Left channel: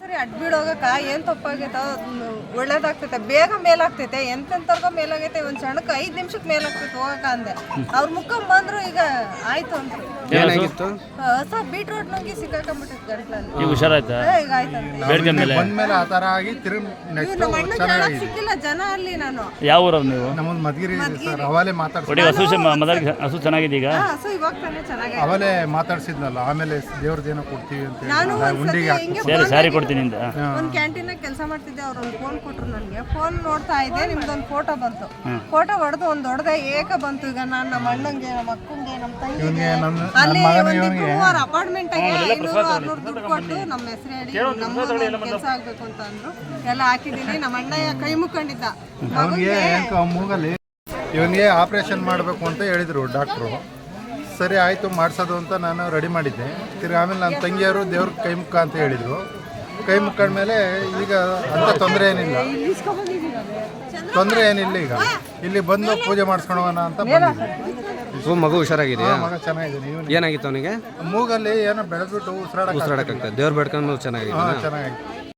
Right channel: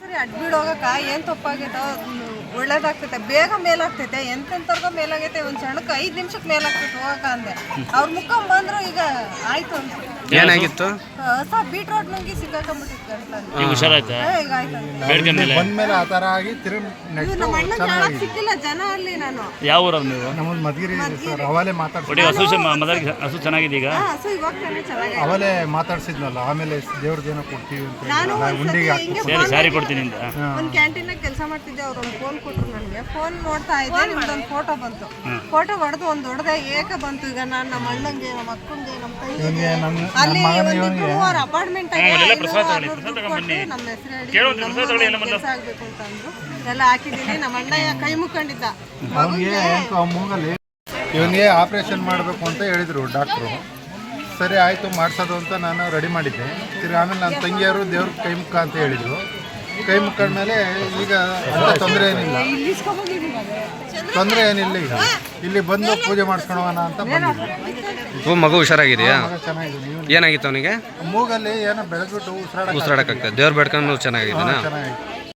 ಸರಿ ಅಡ್ಬಿಡ್ ಹೋಗಕ್ಕ ಏನ್ ತಪ್ಪಾಗೈತ? ಒಳ್ಳೇದಾಗ್ತೈತೆ ಬೇಗ ಮೇಲಾಗ್ತೈತೆ ಎಂತೆಂತರ್ಗ ಮೇಲಾಗೈತೆ ಒಂದ್ ಸಣ್ಣಕ್ಕೆ ಐದ್ ನಿಮಿಷಕ್ಕೆ ಮೇಲಾಗ್ತೈತೆ ಹೋಗಕ ಅಂದೆ. ಅವ್ರ ಮುಖ ಬಂದ್ರು ಈಗ ಆಯ್ತು ಅಂತ. ಏನಾಗಿತ್ತು? ಹೊಸ ಬೀಟ್ ರೋಡ್ ನಂಗೆ ಗಂಟ್ಲಲ್ಲಿ ಈಗ ಹುಷಾರಾಯ್ತಾ? ಈಗ ಬಂದ್ಮೇಲೆ ಆ ಥರ ಆಗಿ ತಿರುಗಿ ನೆಕ್ಸ್ಟ್ ನಮ್ಮ ಸಿಕ್ಕಿಲ್ಲ ಜನ ಅಲ್ಲಿ ನಾನು. ಯಾವ ಊರವ್ರು ನೀವು? ನಮ್ಮ ಮದ್ಗಿರಿ ಸರ್ ಅವಲೇ ಮಾತಾಡ್ಸಿ ಒಡಿ ಹಸು ಚ- ಮೊದಲಿಗೆ ಹಸು ಚೆನ್ನಾಗಿದೆ ಈಗ. ಹಾ, ಸೊ ಇವಾಗ ತಾನೇ ಚೆನ್ನಾಗಿ ಅವಲೇ ಮಾತಾಡ್ಸಿದ್ನಲ್ಲ ಆಮೇಲೆ ದೇವ್ರದ್ದೇನೋ ಕೊಡ್ತೀವಿ ಅಂತ ಹೇಳಿ ನಾನು ಉಂಡಿಗೆ ಹಾಕಿ ಹಿಂಗೆ ಸರಿ ಸ್ಯಾರಿ ಕೊಡ್ತೀನಿ ಅಂತ ಒಂದು ಕ್ಯಾಂಟೀನ್ ಕೆಲಸ ಮಾಡ್ತಿದ್ದೆ ಅವ್ರು ಒಂದು ಫೋನ್ ಕೊಟ್ಟರು ನನಗೆ. ಫೋನ್ ನೋಡ್ತಾ ಇದ್ದೆ ನಿಮ್ದೊಂದು ಫೋಟೋ ಬಂತು. ಫೋಟೋ ಹೊಡೆದು ಒಂದು ಹೊಡೆದ ಏಕ ಬಂತು. ಈಗ ನಾನು ನಮ್ಮ ಅಣ್ಣಂಗೆ ನಮ್ಮ ಅಕ್ಕಂಗೆ ನಮ್ಮ ತಂಗಿಗೆ ಅಲ್ಲಿ ಒಂದು ಅಪಾರ್ಟ್ಮೆಂಟ್ ಕೊಟ್ಟು ನಮ್ಮ ಹೆಸರು ಕೆಲಸ ಆಗ್ಬೇಕು ಅಂತ ಅಂದ್ರು ಎಲ್ಲ ಹಾಕಿದ್ದೀನಿ. ನಮ್ಮ ಅಣ್ಣ ಕೈ ಮುಕ್ಕೊಂಡಿದ್ದ. ಅವನಿಗೆ ಮೂಗಲ್ಲಿ ಇವನಿಗೆ ಆಪ್ರೇಷನ್ ಮಾಡಬೇಕು ಅಂತ ಹೇಳಿದರು ಡಾಕ್ಟ್ರು ಸರಿ ಆಯಿತು ಮಾಡಿಸೋದು ಅಂತ ನಾನು ರೆಡಿ ಮಾಡಿದ್ದೆ. ತಿರ್ಗಿ ಆಮೇಲೆ ನನ್ನ ತಂಗಿಯವರು ದೇವ್ರ ಕೈ ಮುಖ ಅಂತ ಹೇಳಿದರು. ಕೈ ಮುಕ್ಕಂಡ ಮೇಲೆ ಈಗ ಅಂತ ತೊಂದರೆ ಏನಿಲ್ಲ. ತೊಂದರೆ ಏನಿಲ್ಲ ಈಗ. ಇಲ್ಲಿ ಬಂದು ಪೂಜೆ ಮಾಡಿಸ್ಕೊಳೋಣ ಅಂತ ಬಂದಿದ್ವಿ. ಮಗು ಹುಷಾರಾಗಿದೆಯಾ? ಮಗ ಚೆನ್ನಾಗಿದೆ. ನೀವು? ಏನಾಗಿತ್ತು ಅವನಿಗೆ? ಮೂಗಲ್ಲಿ ಏನೋ ಬೆಳೆದ್ಬಿಟ್ಟು ಉಸಿರಾಡ ಉಸಿರಾಡಕ್ಕಾಗ್ತದೆ. ದೇವ್ರ ಬೇಡ್ಕೊಂಡು ಚೆನ್ನಾಗಿದೆ ಚೆನ್ನಾಗಿದೆ.